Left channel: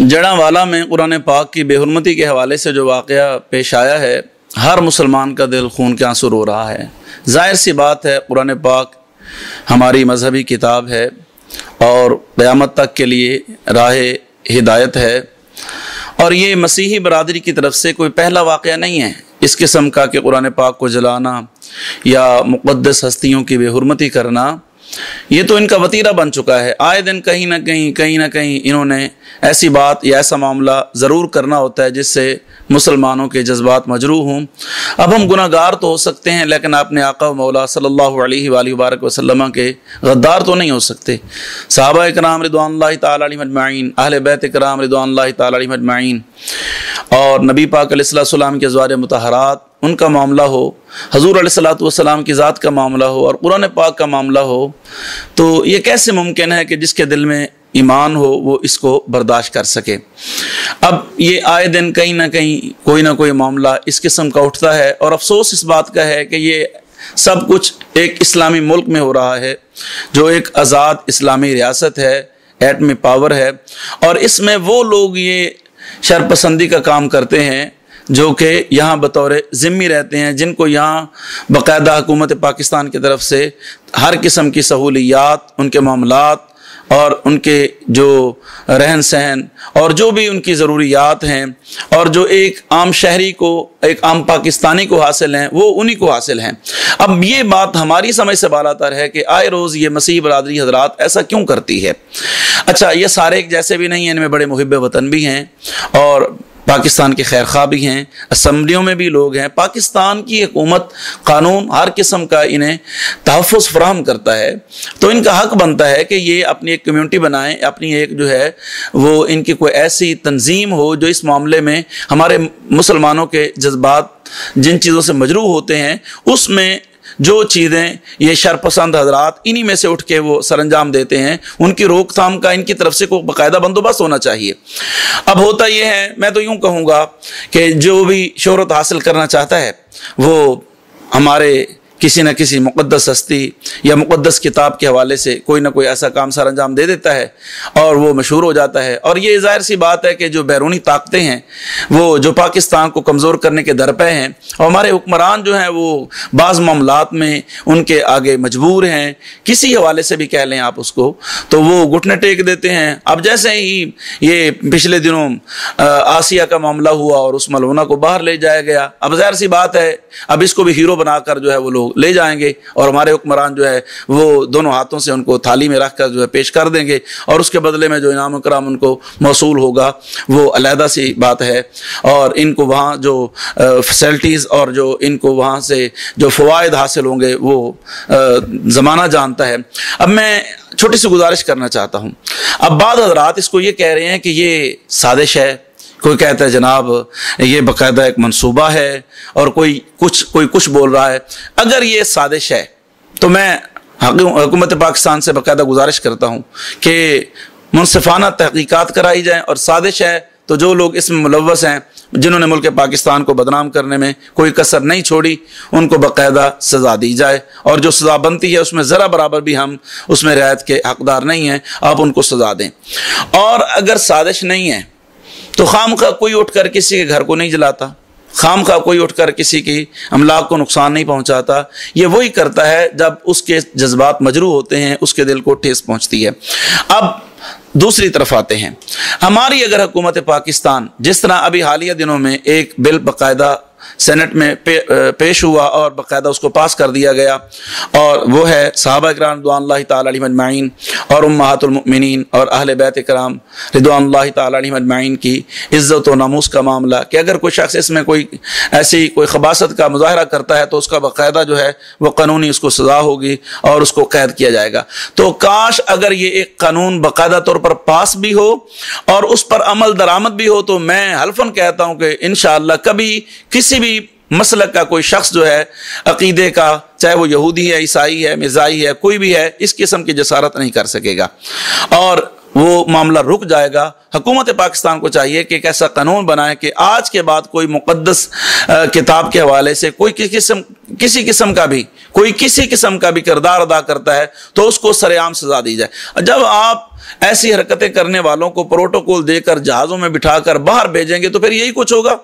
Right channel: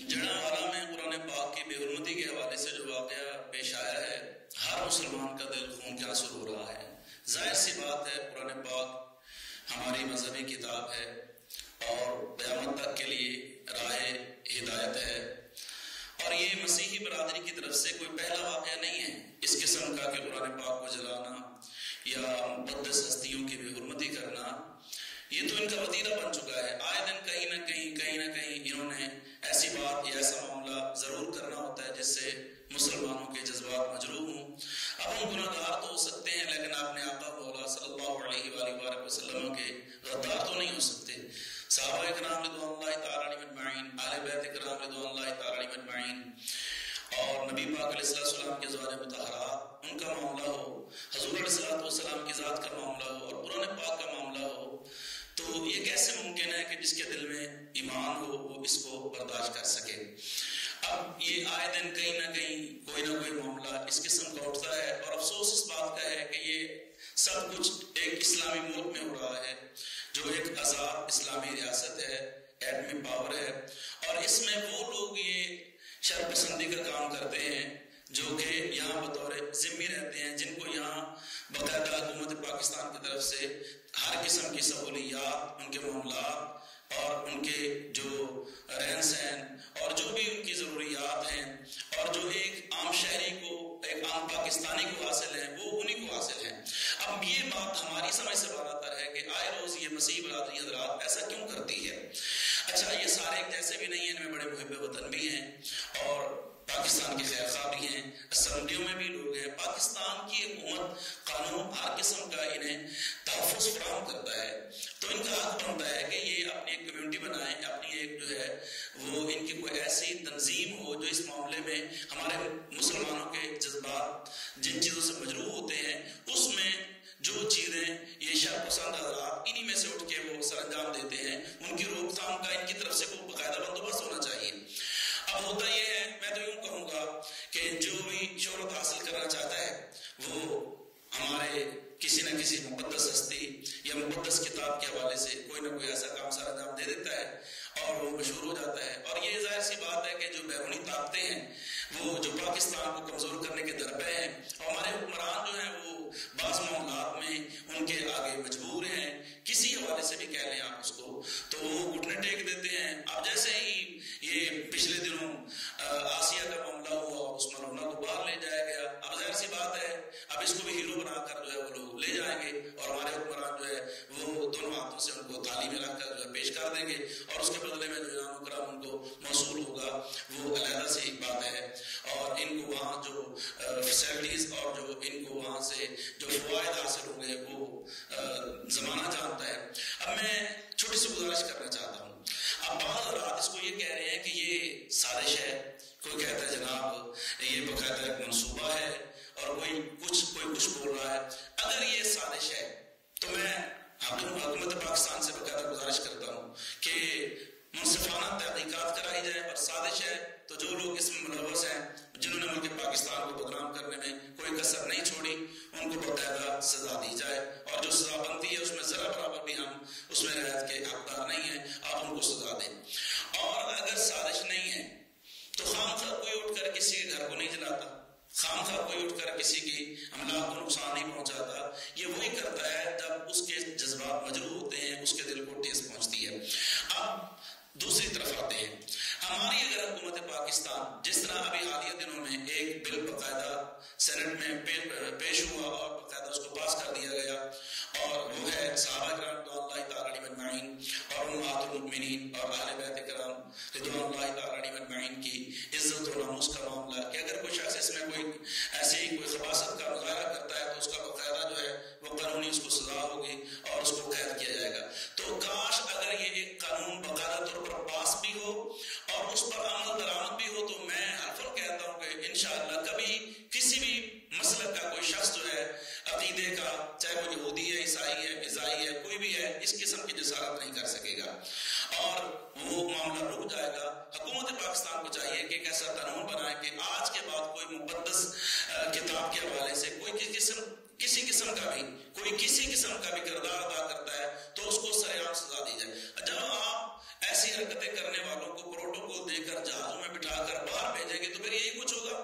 जड़ांवाला में कुरान पाक की बेहुरमती के हवाले से जो वाक़या पेश आया है, हर मुसलमान का दिल खून के आंसू रो रहा है। ज़ाहिर सी बात है, कुरान पाक हमारी मजहबी किताब है और क़यामत तक के लिए राह हिदायत है, और ये मसीही बरादरी की तरफ से कोई पहला वाक़या नहीं है इस किस्म का कि कुरान पाक को जलाना या मुक़द्दस हस्तियों की बेहुरमती करना। ये तो इनका वतीरा बन चुका है। आए दिन कहीं ना कहीं इन्होंने ऐसी बात या ऐसा मामला ज़रूर करना होता है जिससे मुसलमानों के जज्बात मजरूह हों। अब हम गुनाहगार तो हो सकते हैं, लेकिन अपने आका मौला सल्लल्लाहु अलैहि वसल्लम के गद्दार तो नहीं हो सकते। सहाबा इकराम रिदवानुल्लाहि तआला अलैहिम अजमाइन, अहले बैत इकराम रिदवानुल्लाहि तआला अलैहिम अजमाइन, और नबी पाक अलैहिस्सलाम के अज़वाज मुतहरात, उनका मामला हो, हजूर अलैहिस्सलातु वस्सलाम की ज़ात का मामला हो और कुरान पाक का मामला हो, तो ये कैसे मुमकिन है कि जिसके दिल में ईमान हो वो इसको बर्दाश्त कर सके। अब ये आए दिन कहीं ना कोई मामला इस किस्म का उठता है, और अफसोस इस बात का है कि ये सब कुछ एक इस्लामी मुल्क में हो रहा है जो एक आज़ाद इस्लामी रियासत है, एटमी पावर है, और इसमें वो लोग ये शरपसंदी का काम करते हैं जो कि यहाँ बतौर ज़िम्मी रहते हैं, जिनको यहाँ बाकायदा हुकूमत पाकिस्तान की तरफ से हर किस्म की सहूलियात, उनके मामलात और उनके जो रहन सहन और जो भी उनकी ज़रूरियात हैं और जो एक आम शहरी को, एक आम पाकिस्तानी को हासिल हैं, वो उन्हीं को हासिल हैं। अब ये बात हमारी समझ से बालातर है कि आए रोज़ ये मसीह बरादरी हजरात ऐसा क्यों करती है। अच्छा, ये सारे एक जैसे भी नहीं हैं, इनमें बड़े मुहिब वतन भी हैं और पाकिस्तान के खैर खा भी हैं, असम्बलियों में भी लोग हैं। पाकिस्तान की हुकूमत कानून हर किस्म का इन्हें तहफ़्फ़ुज़ फराहम करता है, तो इनका हक बनता है कि ये अपनी एक कम्यूनिटी बनाएं, अपनी एक जो है वो इनकी कोई ऐसी तंजीम हो जो इस मामले में हमारे मुसलमानों के जज्बात जिन चीज़ों से मजरूह होते हैं उसमें जो चीज़ें ये शरपसंद हजरात इन्हीं में से उठ के वो सरंजाम देते हैं, उनकी रोकथाम का इनकी तरफ से कोई बाकायदा बंदोबस्त होना चाहिए। अब होता ये है, मैं तो यूँ कहूँगा कि जो भी शोहरत हासिल करना चाहता है वो हमारे किसी न किसी मुक़द्दस हस्ती या मुक़द्दस किताब के हवाले से कोई ना कोई ऐसा काम सर अंजाम दे देता है और वो मशहूर हो जाता है। और ये ज़ाहिर सी बात है कि जो बैरूनी ताकतें हैं वो जो पाकिस्तान को कमज़ोर करने के दर पे हैं, और हमारे हुक्मरान जो हैं वो बाज़ मामलात में उनके आगे मजबूर हैं, किसी हवाले से भी कह लें आप उसको, तो वो घुटने टेक देते हैं। अब जैसे ही ये पिछले दिनों आसिया का मामला हुआ और उस मलूना को बाहर ले जाया गया, अब ज़ाहिर सी बात है अब इसको भी हीरो बनाकर जो है वो लोग ले जाएंगे और हमारे हुक्मरान जो है वो दोनों हाथों से उनको थाली में रखकर जो है पेश कर देंगे, और उसके बदले में जो इनाम इकराम उनको मौसूल होगा वो अलहदा सी बात है। और इनको वहाँ जो फैसिलिटीज़ और जो इनको वहाँ से जो फ़वाइद हासिल होंगे वो ज़माना जानता है। अब मैं छोटी सी गुजारिश करना चाहता हूँ। अब बाद हज़रात इसको ये कह रहे हैं कि ये साजिश है, कोई कहता है जनाब ये बाकायदा एक मंसूबा है, और कोई कुछ बोल रहा है। अगर ये साजिश है तो मैं हुकूमत पाकिस्तान से बाकायदा गुजारिश करता हूँ कि मुनसिफाना तहकीकात कराई जाए, और साजिश है तो जो लोग इसमें मुलव्वस हैं, जिन्होंने मुल्क पाकिस्तान को बदनाम करने में कोई कसर नहीं छोड़ी, उनको बाकायदा सज़ा दी जाए, और जो सज़ा बनती है उसमें ज़रा बराबर भी हम उसमें रियायत के हकदार नहीं हैं, आप उनको सज़ा दें। और अगर साजिश नहीं है तो खामखा कोई उठकर किसी के घर को नहीं जलाता, खामखा कोई उठकर किसी की अमलाक को नुकसान नहीं पहुंचाता। ये वही करता है जब उसके जज्बात मजरूह होते हैं, उसके दिल को ठेस पहुंचती है। अब दूसरी तरफ आते हैं, हमारी अगर हुकूमत पाकिस्तान, जिस तरह अभी हालिया दिनों में एक बिल बाकायदा सेनेट में पेश हुआ और बाकायदा उसको पास कर दिया गया, और वो है सहाबा इकराम रिदवानुल्लाहि तआला अलैहिम अजमाइन और उम्महातुल मुमिनीन और अहले बैत इकराम रिदवानुल्लाहि तआला अलैहिम अजमाइन की इज़्ज़त व नामूस का मामला, कि अगर कोई शख्स इसमें कोई ऐसी कोई खबासत का मुजाहरा करता है तो उसका बाकायदा जो है वो कानूनी उसको सज़ा होगी और उसको कैद किया जाएगा। तो काश अगर ये एक कानून बाकायदा तौर पर पास भी हो और उस पर अमल दरामद भी हो, तो मैं हल्फन कहता हूँ कि इंशाअल्लाह कभी किसी भी मसलक का कोई शख्स जो है अकीदे का, चाहे वो यहूदी है, ईसाई है, मिज़ाई है, कोई भी है, इस किस्म की जसारत नहीं कर सकेगा और वो मामला रुक जाएगा। हुकूमत पाकिस्तान को चाहिए कि एक ऐसा कानून बनाए कि आज के बाद कोई मुक़द्दस किताब के हवाले से, कोई किसी किसी किस्म का भी कोई किसी किस्म का भी किरदार अदा करता है तो उसको सरेआम सजा दी जाए। जब आप ऐसी हरकतें करने वालों को प्रोटोकॉल देकर जहाज़ों में बिठाकर बाहर भेजेंगे तो फिर यही कुछ होगा।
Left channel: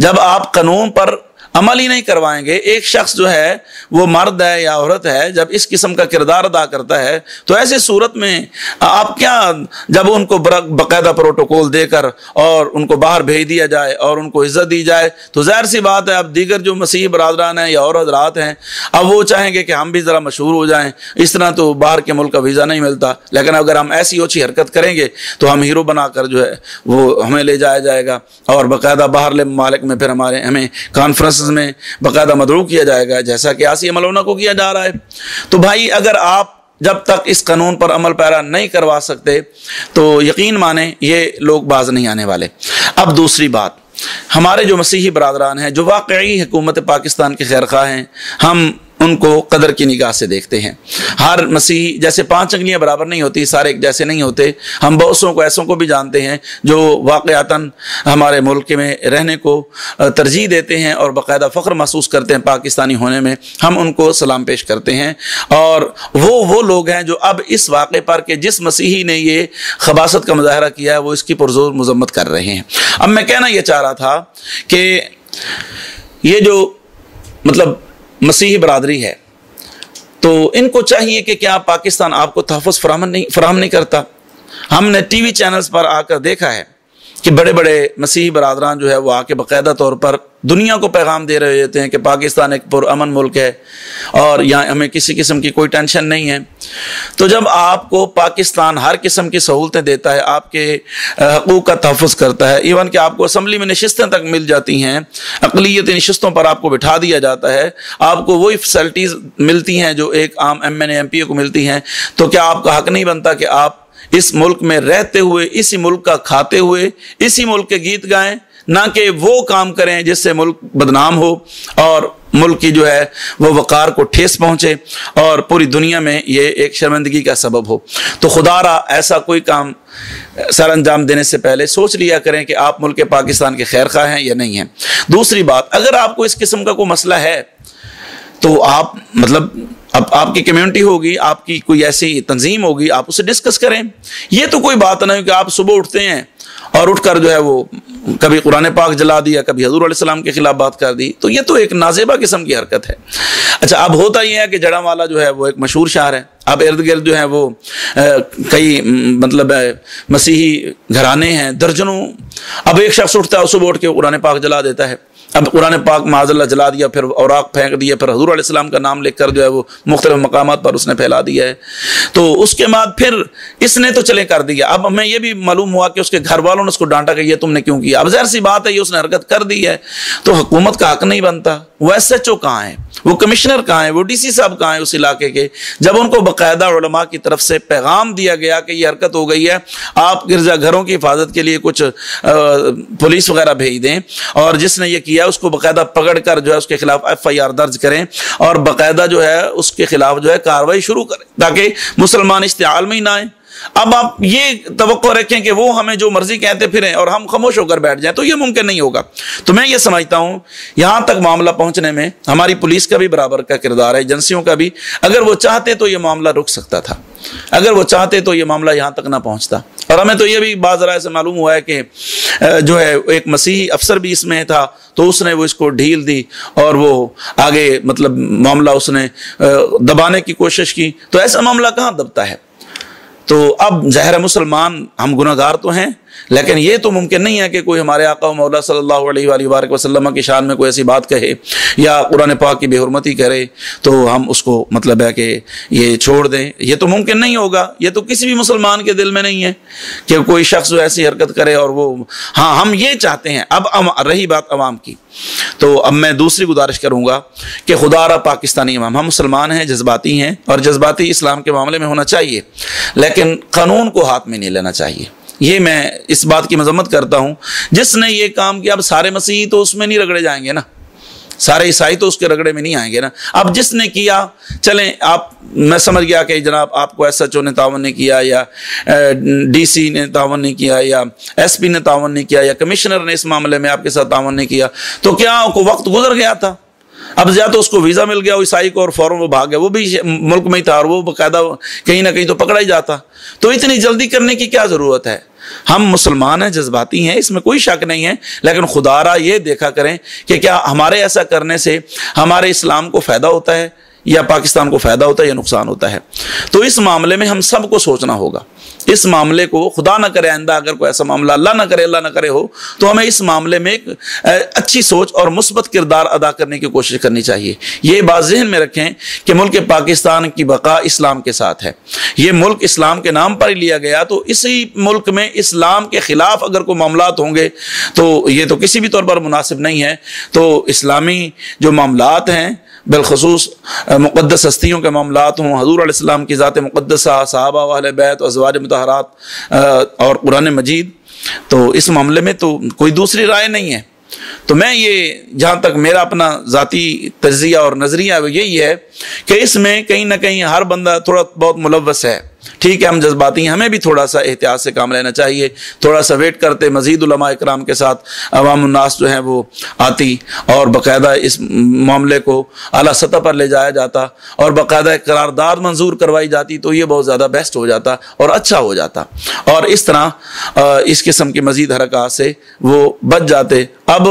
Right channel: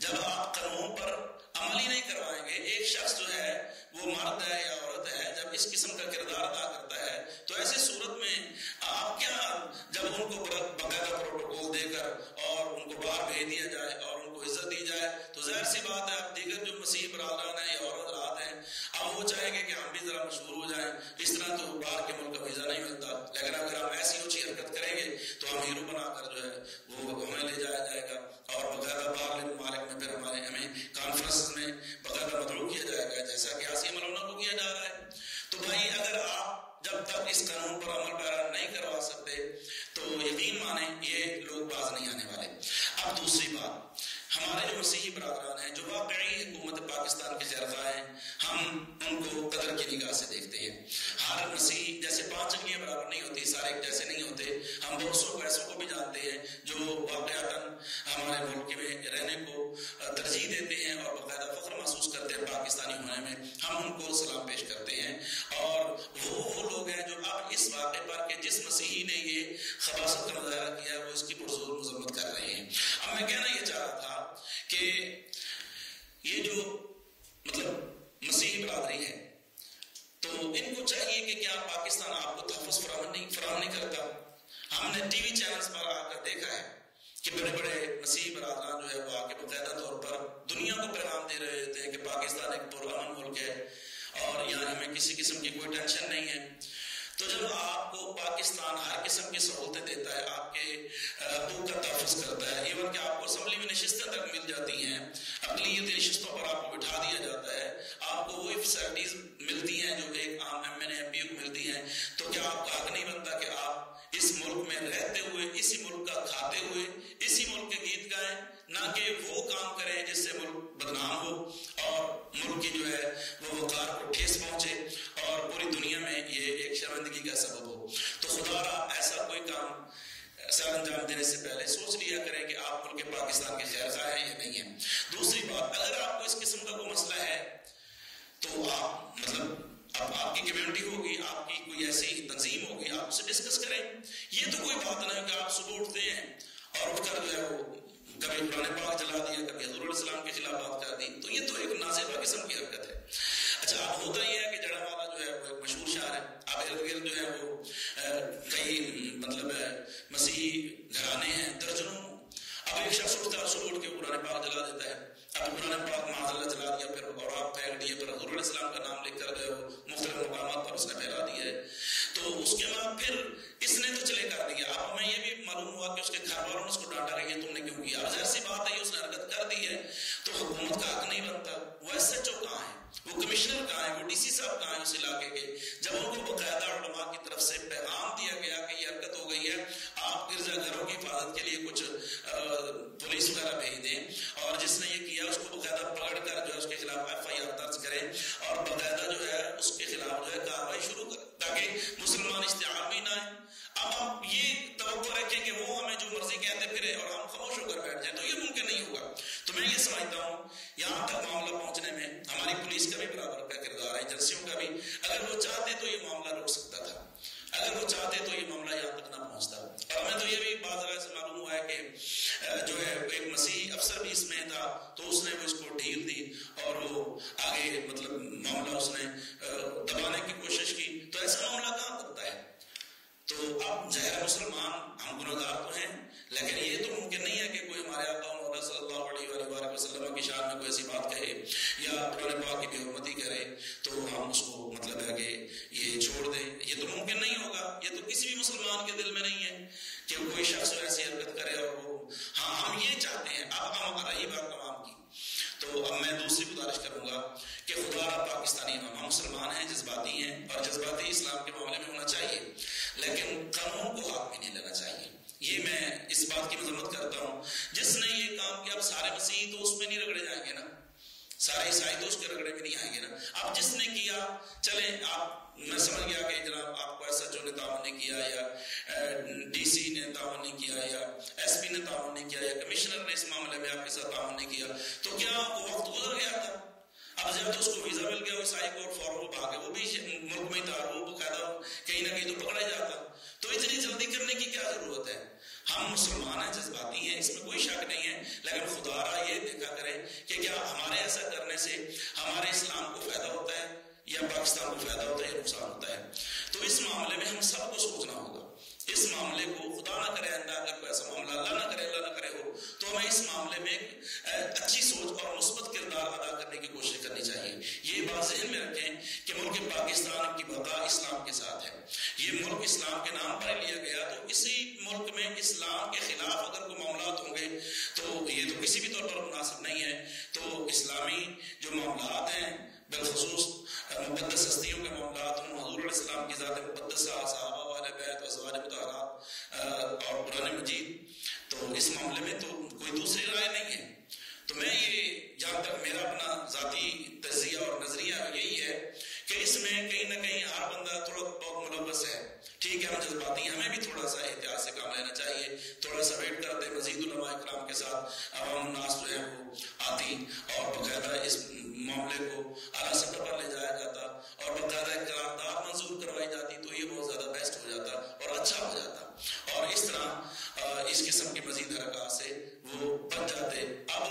जब आप कानून पर अमल ही नहीं करवाएंगे, एक शख्स जो है वो मर्द है या औरत है, जब इस किस्म का किरदार अदा करता है तो ऐसे सूरत में आप क्या, जब उनको बाकायदा प्रोटोकॉल देकर और उनको बाहर भेज दिया जाए और उनको इज्जत दी जाए तो जाहिर सी बात है अब दीगर जो मसीही बरादरान हैं या और हज़रात हैं अब वो चाहेंगे कि हम भी ज़रा मशहूर हो जाएं। इस तरह तो बाहर के मुल्क का वीज़ा नहीं मिलता, लेकिन अगर हम ऐसी ओछी हरकत करेंगे तो हम हीरो बनाकर जो है वो हमें ले जाया जाएगा और बाकायदा बाहरले ममालिक में फिर हमें कॉन्फ्रेंस में बाकायदा मदरू किया जाएगा, जैसा कि आसिया मलौना को किया जा रहा है। तो भाई अगर आप जब तक इस कानून पर अमल पैरा नहीं करवा सकते तो यकीन माने ये लोग बाज नहीं आने वाले। अब दूसरी बात, हमारे जो मसीही बरादरान हैं जो वाकई हुकूमत पाकिस्तान के खैरख्वाह हैं, हम उनको कदर की निगाह से देखते हैं। हर मसीही, जैसे 5 अंगलियां बराबर नहीं होती, सारे एक जैसे नहीं होते। हम बहुत को ऐसों को भी जानते हैं जो वाकयातन हमारे मुल्क में रहने को तरजीह देते हैं और बाकायदा फ़ख्र महसूस करते हैं पाकिस्तानी होने में। हम उनको सलाम पेश करते हैं और वो लोग हैं जो अब इस वाक़े पर कि जिस मसीही ने ये खबासत का मुजाहरा किया है वो इसकी पुरज़ोर मज़म्मत कर रहे हैं। अब मैं कहना ये चाह रहा था कि ये जो मतलब मसीही बरादरी है तो इनको चाहिए कि क्या पाकिस्तान आपको तहफ़्फ़ुज़ फराहम नहीं करता। हमने टीवी चैनल्स पर आकर देखा है कि बड़े बड़े मसीही बरादरान जो है वो आके बाकायदा तौर पर दुनिया को पैगाम दे रहे होते हैं कि पाकिस्तान एक पुरअमन मुल्क है और यहाँ हमें किसी किस्म की कोई टेंशन नहीं है। तो जब आपको पाकिस्तान हर किस्म की सहूलतें देता है, आपके हकूक़ का तहफ़्फ़ुज़ करता है, इवन कि आपको असम्बली में नशिस्तें तक मिल जाती हैं, अक़लियती नशिस्तों पर आपको बिठा दिया जाता है, आपको वही फैसिलिटीज़ मिलती हैं जो एक आम MNA MP को मिलती हैं, तो क्या आपका हक़ नहीं बनता कि आप इस मुल्क में रहते हुए, इसी मुल्क का खाते हुए, इसी मुल्क के गीत गाएं, ना कि वो काम करें जिससे मुल्क बदनाम हो और मुल्क की जो है वो वक़ार को ठेस पहुंचे और पूरी दुनिया में ये एक शर्मिंदगी का सबब हो। तो खुदारा ऐसा कोई काम सर अंजाम देने से पहले सोच लिया करें कि आप मुल्क पाकिस्तान के खैरख्वाह हैं या नहीं हैं। दूसरी बात, अगर आपको इस किस्म का कोई मसला है तो आप मतलब अब आपकी कम्युनिटी होगी, आपकी कोई ऐसी तंजीम होगी, आप उसे डिस्कस करें। ये तो कोई बात नहीं कि आप सुबह उठते हैं और उठकर जो है वो कभी कुरान पाक जला दिया, कभी हज़ूर अलैहिस्सलाम के खिलाफ बात कर दी, तो ये तो एक नाजेबा किस्म की हरकत है। अच्छा, अब होता ये है कि जड़ावाला जो है वो एक मशहूर शहर है, अब इर्द गिर्द जो है वो कई मतलब मसीही घराने हैं दर्जनों। अब एक शख्स उठता है, सुबह उठ के कुरान पाक जला देता है। अब कुरान पाक माज़अल्लाह जला दिया, फिर औराक फेंक दिया, फिर हज़ूर अलैहिस्सलाम का नाम लिखकर जो है वो मुख्तलिफ मकामात पर उसने फैला दिया है। तो उसके बाद फिर इसने तो चले कर दिया। अब हमें ये भी मालूम हुआ कि उसके घर वालों ने उसको डांटा कि ये तुमने क्यों किया। अब ज़ाहिर सी बात है ये उसने हरकत कर दी है तो हुकूमत का हक नहीं बनता। वो SHO कहाँ है, वो कमिश्नर कहाँ है, वो DC साहब कहाँ है उस इलाके के, जब उनको बाकायदा उलमा की तरफ से पैगाम दिया गया कि ये हरकत हो गई है, आप गिरजा घरों की हिफाजत के लिए कुछ पुलिस वगैरह भेज दें और जिसने ये किया उसको बाकायदा पकड़ कर जो है उसके खिलाफ FIR दर्ज करें और बाकायदा जो है उसके खिलाफ जो है कार्रवाई शुरू करें ताकि मुसलमान इस्तेमाल में ही ना आए। अब आप ये तवक्को रखें कि वो हमें जो मर्जी कहते फिरें और हम खामोश होकर बैठ जाएं, तो ये मुमकिन नहीं होगा। तो मैं ये समझता हूं यहां तक मामला पहुंचने में हमारी पुलिस का भी बराबर का किरदार है, एजेंसियों का भी। अगर वो चाहते तो ये मामला रुक सकता था, अगर वो चाहते तो ये मामला यहां तक ना पहुंचता। और हमें तो ये भी बाज़ राय से मालूम हुआ है कि जो है एक मसीही अफसर भी इसमें था, तो उसने वो इसको ढील दी और वो आगे मतलब मामला उसने दबाने की कोशिश की। तो ऐसा मामला कहाँ दबता है। तो अब ज़ाहिर मुसलमान हम गुनहगार तो हैं, लेकिन ये तो मुमकिन नहीं है कि कोई हमारे आका मौला सल्लल्लाहु अलैहि वसल्लम की शान में कोई ऐसी बात कहे या कुरान पाक की बेहुरमती करे तो हम उसको मतलब है कि ये छोड़ दें। ये तो मुमकिन नहीं होगा, ये तो किसी भी मुसलमान के दिल में नहीं है कि कोई शख्स जो ऐसी हरकत करे। और वो हाँ, हम ये चाहते हैं। अब रही बात अवाम की, तो अब मैं दूसरी गुजारिश करूंगा कि खुदारा पाकिस्तानी अवाम, हम मुसलमान हैं, जज्बाती हैं और जज्बाती इस्लाम के मामले में होना चाहिए, लेकिन कानून को हाथ में नहीं लेना चाहिए। ये मैं इस बात की मजम्मत करता हूं। जिसने ये काम किया, अब सारे मसीही तो उसमें नहीं रगड़े जाएंगे ना, सारे ईसाई तो उसके रगड़े में नहीं आएंगे ना। अब जिसने किया, चलें आप, मैं समझ गया कि जनाब आपको SHO ने तावन नहीं किया या DC ने तावन नहीं किया या SP ने तावन नहीं किया या कमिश्नर ने इस मामले में आपके साथ तावन नहीं किया, तो क्या आपको वक्त गुजर गया था? اب یا تو اس کو ویزا مل گیا عیسائی کو اور فوراً وہ بھاگ گیا، وہ بھی ملک میں ہی تھا اور وہ باقاعدہ کہیں نہ کہیں تو پکڑا ہی جاتا. تو اتنی جلدی کرنے کی کیا ضرورت ہے؟ ہم مسلمان ہیں، جذباتی ہیں، اس میں کوئی شک نہیں ہے، لیکن خدا را یہ دیکھا کریں کہ کیا ہمارے ایسا کرنے سے ہمارے اسلام کو فائدہ ہوتا ہے یا پاکستان کو فائدہ ہوتا ہے یا نقصان ہوتا ہے. تو اس معاملے میں ہم سب کو سوچنا ہوگا. اس معاملے کو خدا نہ کرے آئندہ اگر کوئی ایسا معاملہ اللہ نہ کرے ہو تو ہمیں اس معاملے میں ایک اچھی سوچ اور مثبت کردار ادا کرنے کی کوشش کرنی چاہیے. یہ بات ذہن میں رکھیں کہ ملک پاکستان کی بقا اسلام کے ساتھ ہے. یہ ملک اسلام کے نام پر ہی لیا گیا، تو اسی ملک میں اسلام کے خلاف اگر کوئی معاملات ہوں گے تو یہ تو کسی بھی طور پر مناسب نہیں ہے. تو اسلامی جو معاملات ہیں، بالخصوص مقدس ہستیوں کے معاملات ہوں، حضور علیہ السلام کی ذات مقدسہ، صحابہ و اہل بیت و ازواج مطہرات اور قرآن مجید، تو اس معاملے میں تو کوئی دوسری رائے نہیں ہے. تو میں یہ جہاں تک میرا اپنا ذاتی تجزیہ اور نظریہ وہ یہی ہے کہ اس میں کہیں نہ کہیں ہر بندہ تھوڑا بہت ملوث ہے. ٹھیک ہے، ہم جذباتی ہیں، ہمیں بھی تھوڑا سا احتیاط سے کام لینا چاہیے. تھوڑا سا ویٹ کرتے مزید علماء اکرام کے ساتھ عوام الناس جو ہیں وہ آتی اور باقاعدہ اس معاملے کو اعلیٰ سطح پر لے جایا جاتا اور باقاعدہ قرارداد منظور کروائی جاتی تو یہ بہت زیادہ بیسٹ ہو جاتا اور اچھا ہو جاتا، اور اس طرح اس قسم کی مزید حرکات سے وہ بچ جاتے. اب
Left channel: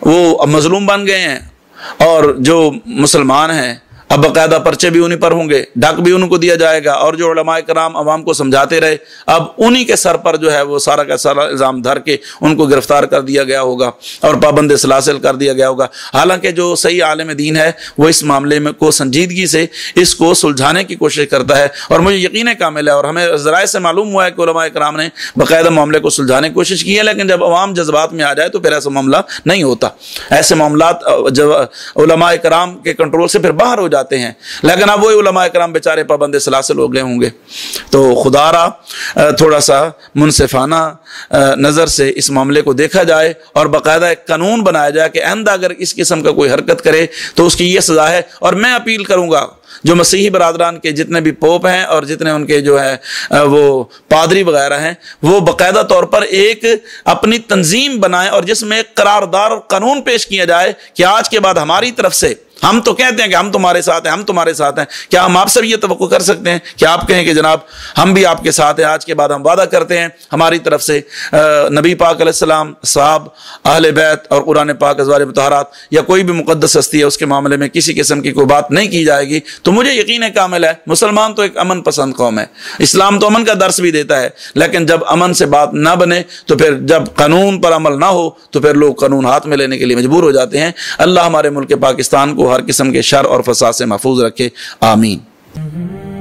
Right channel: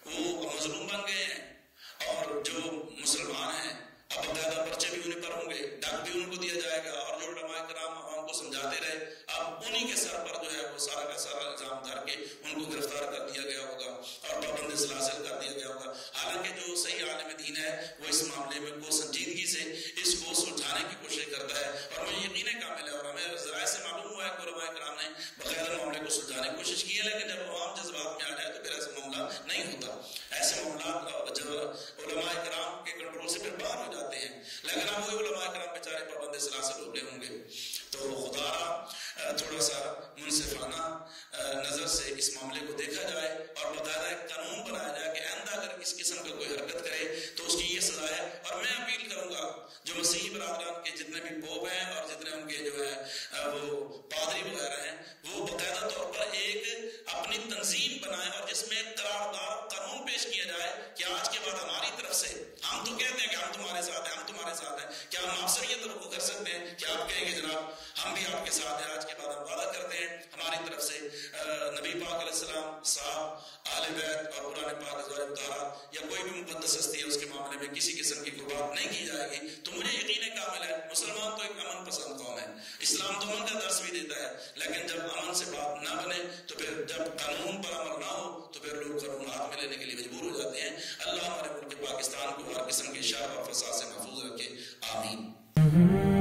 وہ مظلوم بن گئے ہیں اور جو مسلمان ہیں اب باقاعدہ پرچے بھی انہیں پر ہوں گے، ڈاک بھی ان کو دیا جائے گا، اور جو علماء کرام عوام کو سمجھاتے رہے اب انہی کے سر پر جو ہے وہ سارا کا سارا الزام دھر کے ان کو گرفتار کر دیا گیا ہوگا اور پابند سلاسل کر دیا گیا ہوگا. حالانکہ جو صحیح عالم دین ہے وہ اس معاملے میں کو سنجیدگی سے اس کو سلجھانے کی کوشش کرتا ہے، اور مجھے یقین کامل ہے اور ہمیں ذرائع سے معلوم ہوا ہے کہ علماء کرام نے باقاعدہ معاملے کو سلجھانے کی کوشش کی ہے. لیکن جب عوام جذبات میں آ جائے تو پھر ایسا معاملہ نہیں ہوتا. ایسے معاملات علماء کرام کے کنٹرول سے پھر باہر ہو جاتے ہیں. لیکن اب وہی علماء کرام بیچارے پابند سلاسل ہو گئے ہوں گے. تو خدا را تھوڑا سا منصفانہ نظر سے اس معاملے کو دیکھا جائے اور باقاعدہ ایک قانون بنایا جائے کہ آئندہ اگر اس قسم کا کوئی حرکت کرے تو اس کی یہ سزا ہے. اور میں اپیل کروں گا جو مسیحی برادران کے جتنے بھی پوپ ہیں اور جتنے ان کے جو ہے وہ پادری وغیرہ ہیں وہ باقاعدہ طور پر ایک اپنی تنظیم بنائیں اور جس میں ایک قراردار اور قانون پیش کیا جائے کہ آج کے بعد ہماری طرف سے ہم تو کہتے ہیں کہ ہم تمہارے ساتھ ہیں، ہم تمہارے ساتھ ہیں. کیا ہم آپ سے بھی یہ توقع کر سکتے ہیں کہ آپ کہیں کہ جناب ہم بھی آپ کے ساتھ ہیں، آج کے بعد ہم وعدہ کرتے ہیں ہماری طرف سے نبی پاک علیہ السلام، صحاب، اہل بیت اور قرآن پاک ازواج مطہرات یا کوئی بھی مقدس ہستی ہے اس کے معاملے میں کسی قسم کی کوئی بات نہیں کی جائے گی. تو مجھے یقین کامل ہے مسلمان تو ایک امن پسند قوم ہے. اسلام تو امن کا درس بھی دیتا ہے، لیکن جب امن سے بات نہ بنے تو پھر جب قانون پر عمل نہ ہو تو پھر لوگ قانون ہاتھ میں لینے کے لیے مجبور ہو جاتے ہیں. اللہ ہمارے ملک پاکستان کو ہر قسم کے شر اور فساد سے محفوظ رکھے. آمین.